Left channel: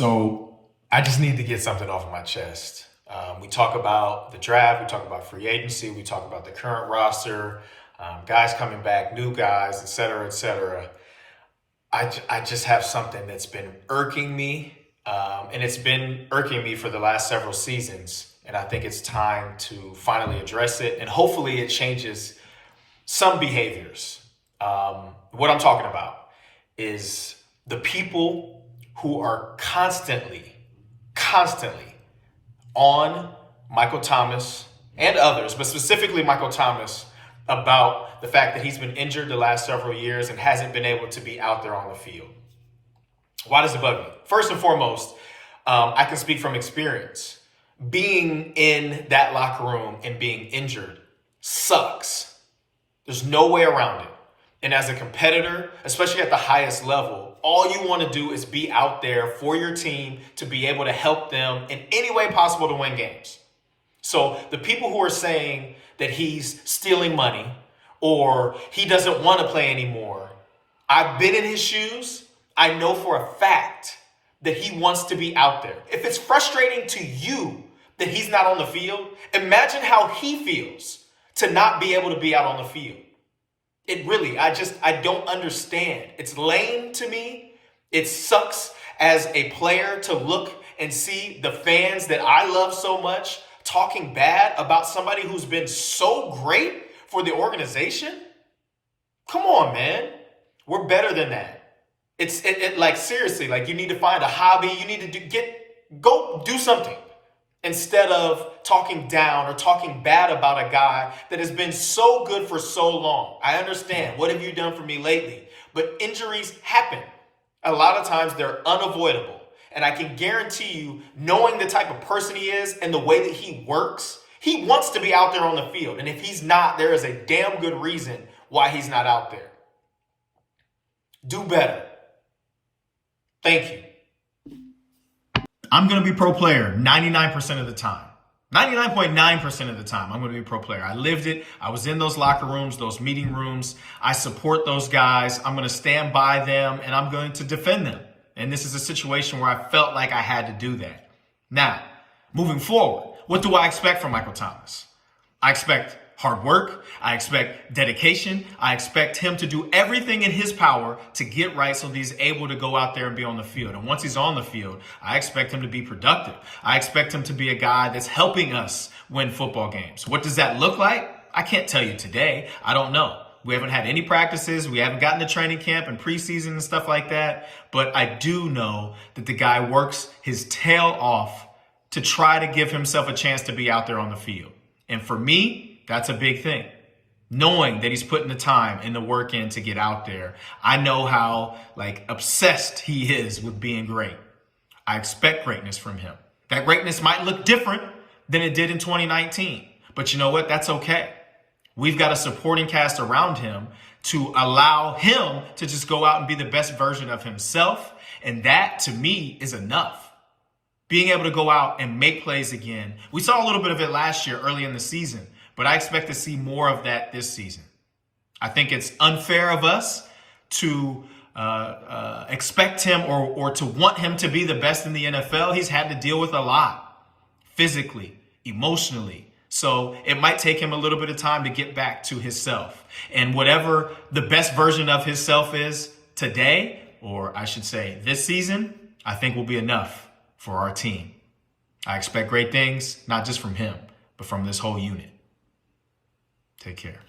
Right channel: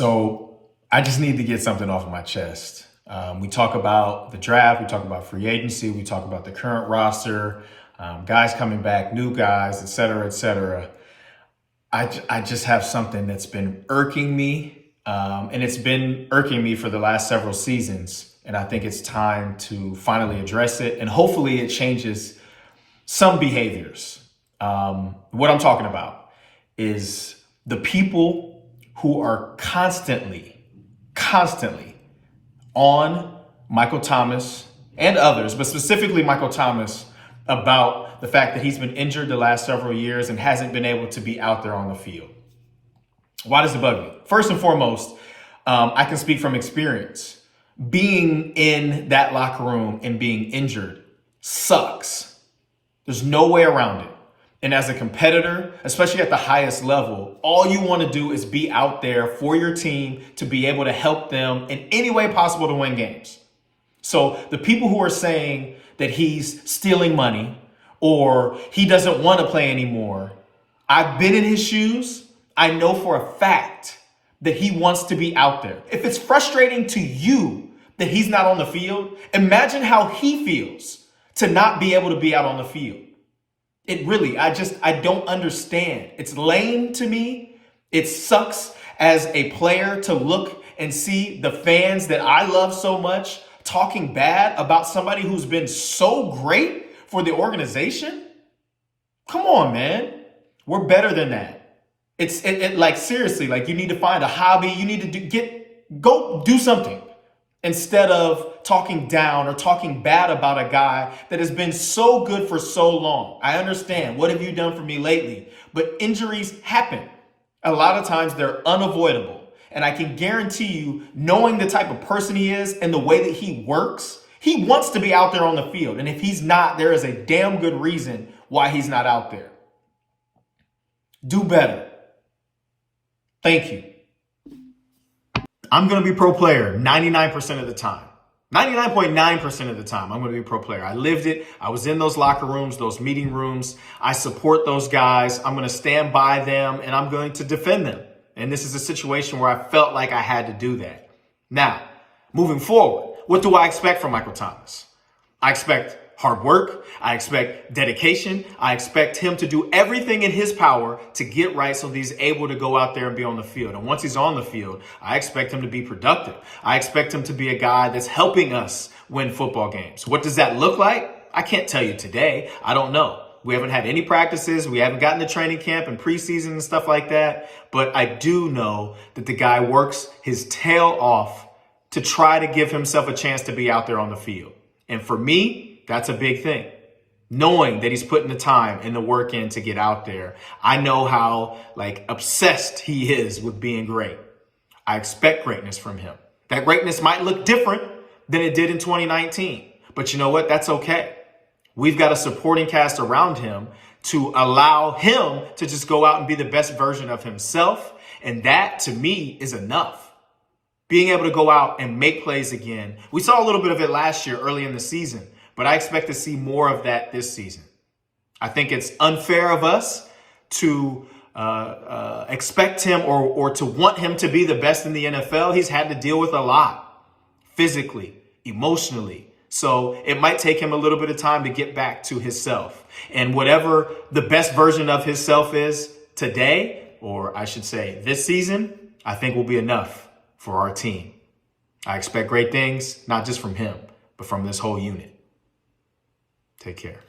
So I just need to get something off of my chest. We talk about the draft, we talk about free agency, we talk about the current roster, guys coming back, new guys, et cetera, et cetera. I just have something that's been irking me, and it's been irking me for the last several seasons. And I think it's time to finally address it, and hopefully it changes some behaviors. What I'm talking about is the people who are constantly on Michael Thomas and others, but specifically Michael Thomas, about the fact that he's been injured the last several years and hasn't been able to be out there on the field. Why does it bug me? First and foremost, I can speak from experience. Being in that locker room and being injured sucks. There's no way around it. And as a competitor, especially at the highest level, all you want to do is be out there for your team to be able to help them in any way possible to win games. So the people who are saying that he's stealing money or he doesn't want to play anymore, I've been in his shoes. I know for a fact that he wants to be out there. If it's frustrating to you that he's not on the field, imagine how he feels to not be able to be out on the field. It really, I don't understand. It's lame to me. It sucks as a player to look and see the fans that I love so much talking bad about somebody who's been so great for the organization. Come on, man. We're better than that. It's like, seriously, like, you need to find a hobby. You need to go do something instead of talking down or talking bad about a guy that has been so good for so long. I understand. What have you done for me lately? But injuries happen. A lot of times they're unavoidable. And I can guarantee you, knowing the type of person he is and the way that he works, he wants to be out there on the field. And if he's not, there is a damn good reason why he's not out there. Do better. Thank you. I'm going to be pro player 99% of the time. 99.9% of the time, I'm going to be pro player. I lived it. I was in those locker rooms, those meeting rooms. I support those guys. I'm going to stand by them, and I'm going to defend them. And this is a situation where I felt like I had to do that. Now, moving forward, what do I expect from Michael Thomas? I expect hard work. I expect dedication. I expect him to do everything in his power to get right so that he's able to go out there and be on the field. And once he's on the field, I expect him to be productive. I expect him to be a guy that's helping us win football games. What does that look like? I can't tell you today. I don't know. We haven't had any practices. We haven't gotten to training camp and preseason and stuff like that. But I do know that the guy works his tail off to try to give himself a chance to be out there on the field. And for me, that's a big thing. Knowing that he's putting the time and the work in to get out there. I know how obsessed he is with being great. I expect greatness from him. That greatness might look different than it did in 2019. But you know what? That's okay. We've got a supporting cast around him to allow him to just go out and be the best version of himself. And that, to me, is enough. Being able to go out and make plays again. We saw a little bit of it last year, early in the season. But I expect to see more of that this season. I think it's unfair of us to expect him or to want him to be the best in the NFL. He's had to deal with a lot, physically, emotionally. So it might take him a little bit of time to get back to himself. And whatever the best version of himself is today, or I should say this season, I think will be enough for our team. I expect great things, not just from him, but from this whole unit. Take care.